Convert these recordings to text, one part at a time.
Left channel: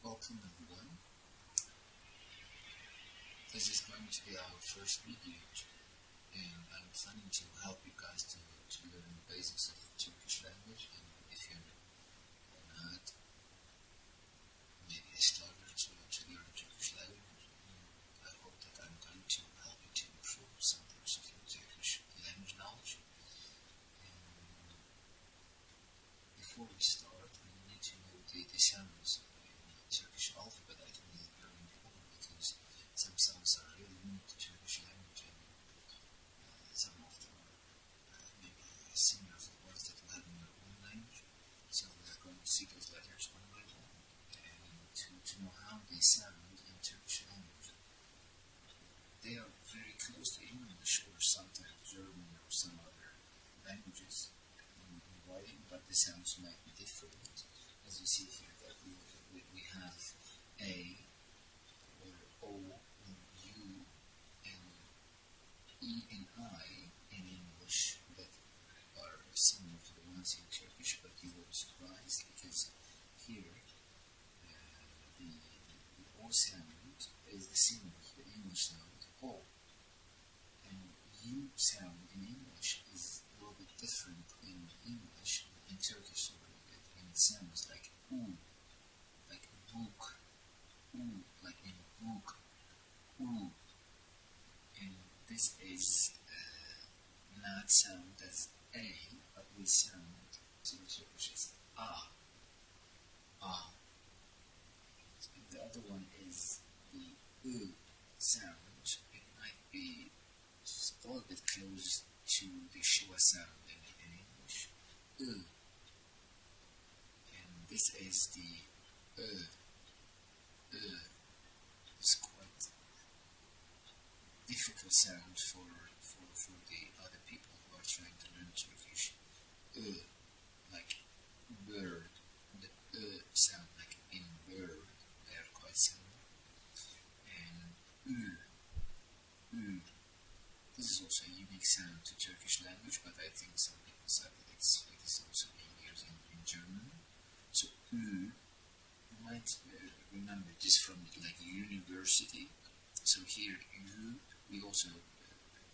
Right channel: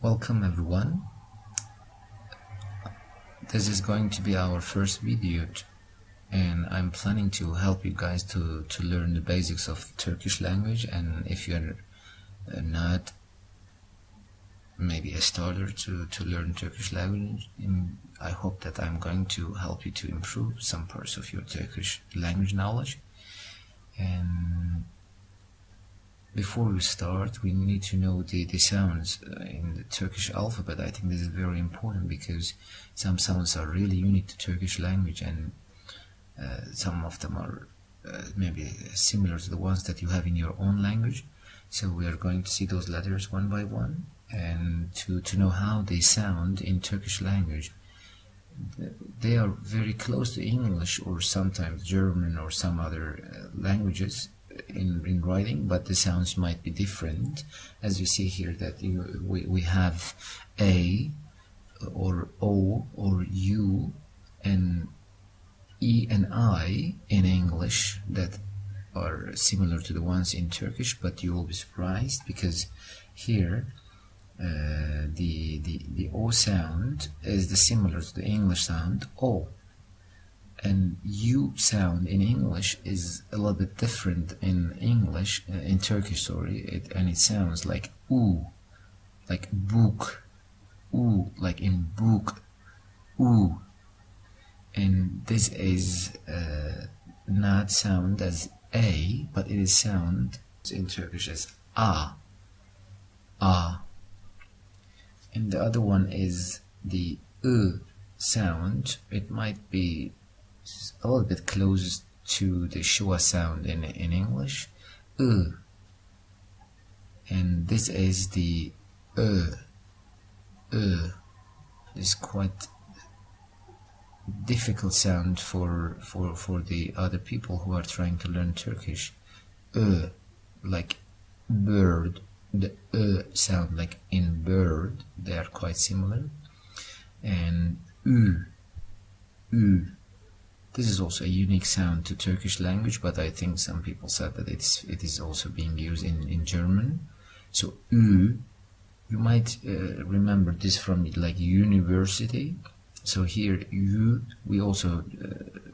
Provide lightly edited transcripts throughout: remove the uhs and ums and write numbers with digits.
Welcome everyone. This is going to be our first video and I'm planning to help you guys to learn the basics of Turkish language, and if you're not maybe a starter to learn Turkish language, I hope that I'm going to help you to improve some parts of your Turkish language knowledge. And before we start, we need to know the sounds in the Turkish alphabet. I think this is very important because some sounds are really unique to Turkish language, and some of them are maybe similar to the ones that you have in your own language. So we are going to see those letters one by one, and to know how they sound in Turkish language. They are very close to English or sometimes German or some other languages in writing, but the sounds might be different. As you see here that we have A or O or U and E and I in English that are similar to the ones in Turkish, but you will be surprised because here the O sound is similar to the English sound O, and U sound in English is a little bit different in English, in Turkish, sorry, and it sounds like U, like book, U, like in book, U, and this is not sound as A, but it is sound in Turkish as A, A. And the other one is the sound. It might be a little bit close to the schwa sound in English, and this is the is quite difficult sound for the other people who are trying to learn Turkish. Like bird, the sound like in bird, they are quite similar. And this is also a unique sound to Turkish language, but I think some people said that it is also being used in German. So you might remember this from like university. So here we also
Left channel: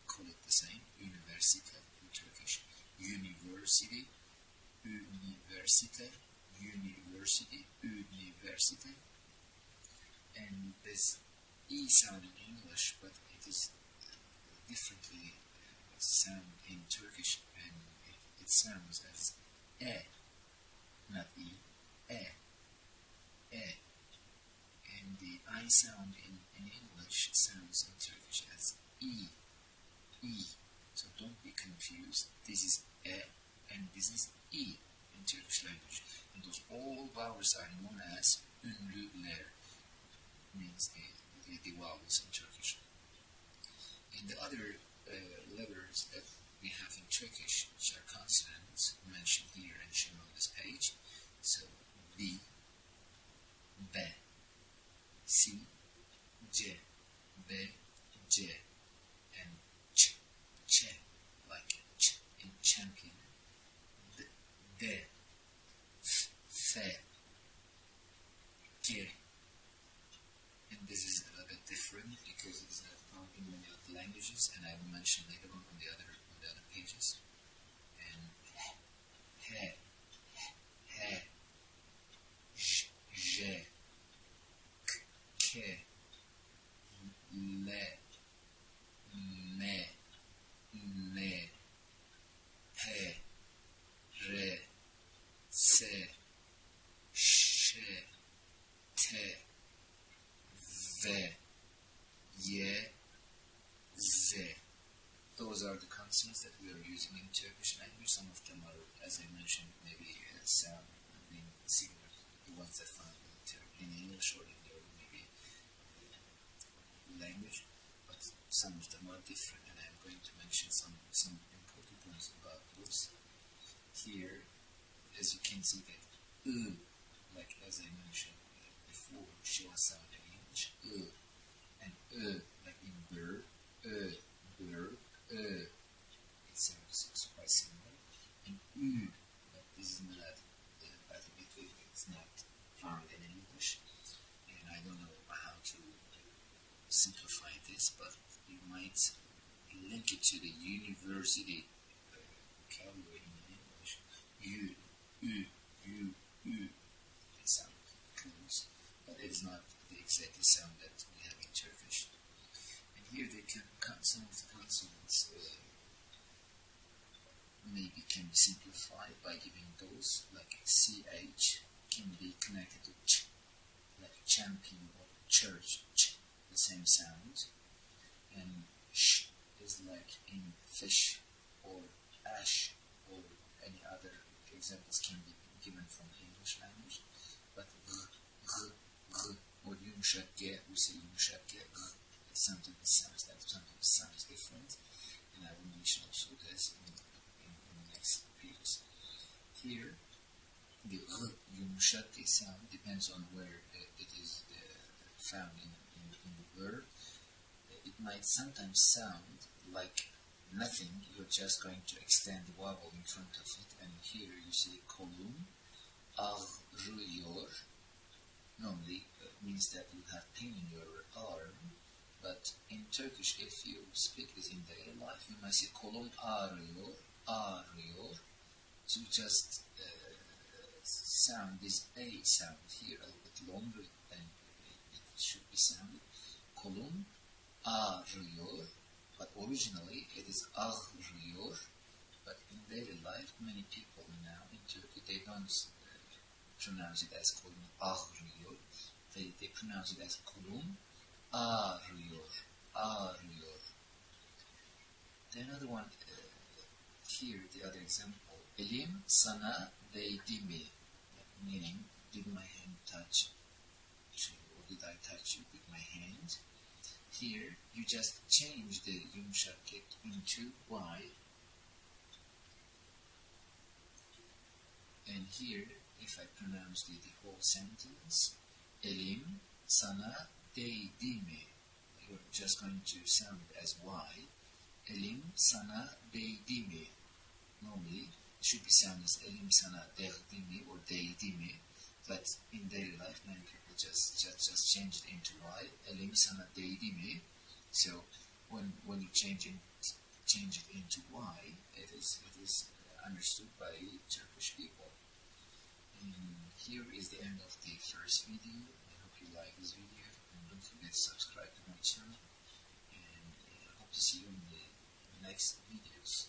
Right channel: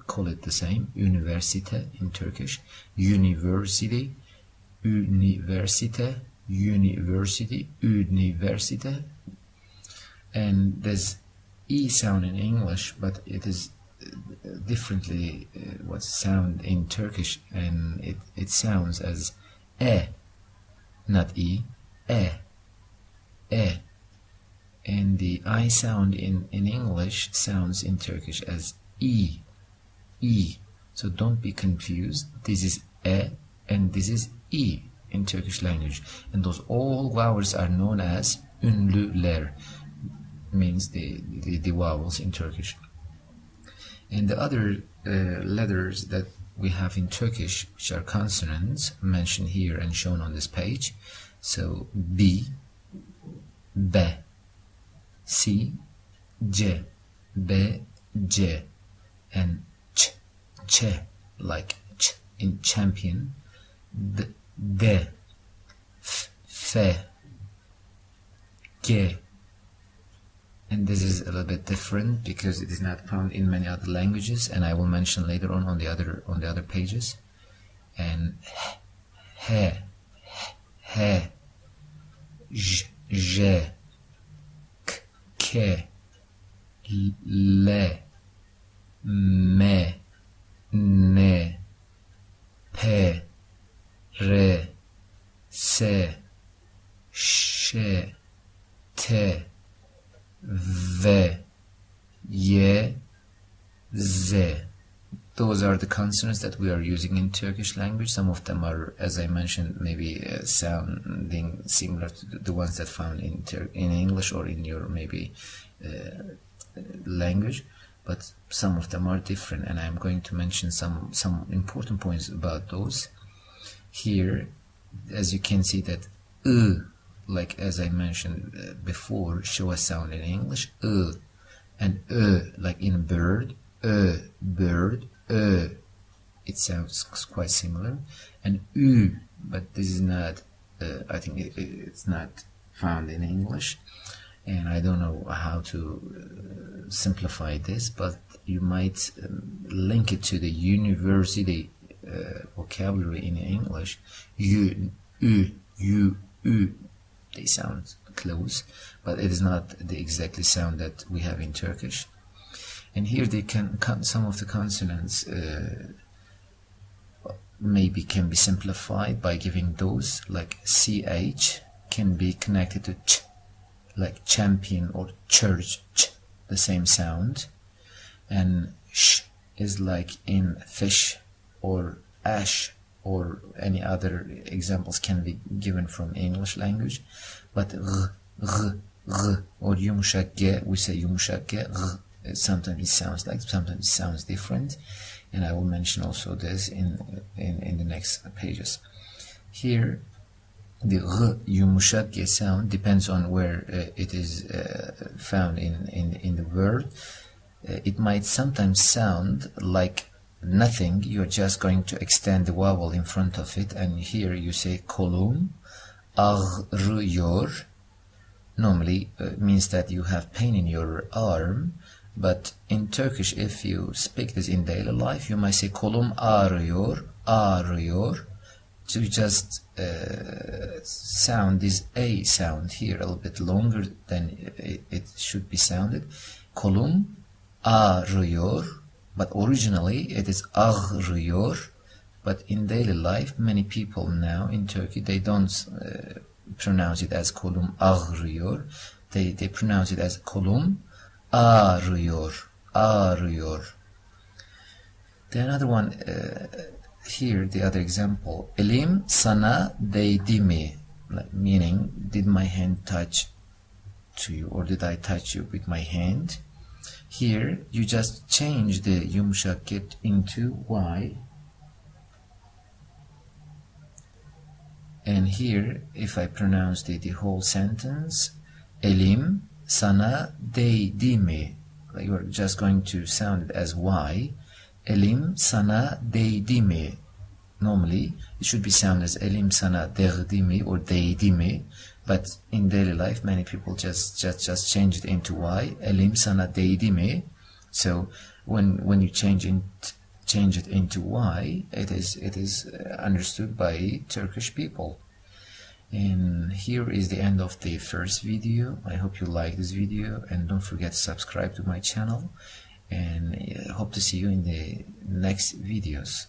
call it the same, universite in Turkish, university, universite, university, and there's E sound in English, but it is differently what sound in Turkish, and it sounds as E, not E, E, E. And the I sound in English sounds in Turkish as E, E. So don't be confused. This is E and this is E in Turkish language. And those all vowels are known as ünlüler, means the vowels in Turkish. And the other letters that we have in Turkish, which are consonants, mentioned here and shown on this page. So B, B, C, C, B, C, and Ç, Ç, like Ç in champion, D, D, F, F, G. And this is a little bit different because it is not found in many other languages, and I will mention later on the other pages. And H, H, J, J, K, K, L, M, N, P, R, S, Ş, T, V, Y, Z. Those are the consonants that we are using in Turkish language. Some of them are, as I mentioned, maybe sounding similar to the ones that found in English or in your maybe language, but some of them are different, and I'm going to mention some important points about those. Here, as you can see that like as I mentioned before, schwa sound in English, and like in bird, bird, it sounds quite similar, and but this is not I think it's not found in English, and I don't know how to simplify this, but you might link it to the university vocabulary in English. You, you, they sound close, but it is not the exactly sound that we have in Turkish. And here they can some of the consonants maybe can be simplified by giving those, like ch can be connected to ch, like champion or church, ch, the same sound, and sh is like in fish or ash, or any other examples can be given from English language. But r or yumuşak g, we say yumuşak g, r, sometimes it sounds like, sometimes it sounds different, and I will mention also this in the next pages. Here the r yumuşak g sound depends on where it is found in the word. It might sometimes sound like nothing, you're just going to extend the vowel in front of it, and here you say kolum ağrıyor. Normally means that you have pain in your arm, but in Turkish, if you speak this in daily life, you might say kolum ağrıyor, ağrıyor. So you just sound this a sound here a little bit longer than it should be sounded. Kolum ağrıyor, but originally it is ağrıyor. But in daily life, many people now in Turkey, they don't pronounce it as kolum ağrıyor. They pronounce it as kolum ağrıyor, ağrıyor. The another one here, the other example, elim sana değdi mi, like, meaning did my hand touch to you, or did I touch you with my hand? Here you just change the yumuşak get into y, and here if I pronounce the whole sentence, elim sana değdi mi, like you're just going to sound it as y. Elim sana değdi mi. Normally it should be sounded as elim sana değdi mi or değdi mi, but in daily life many people just change it into y. Elim sana değdi mi. So when you change it into y, it is understood by Turkish people. And here is the end of the first video. I hope you like this video, and don't forget to subscribe to my channel, and hope to see you in the next videos.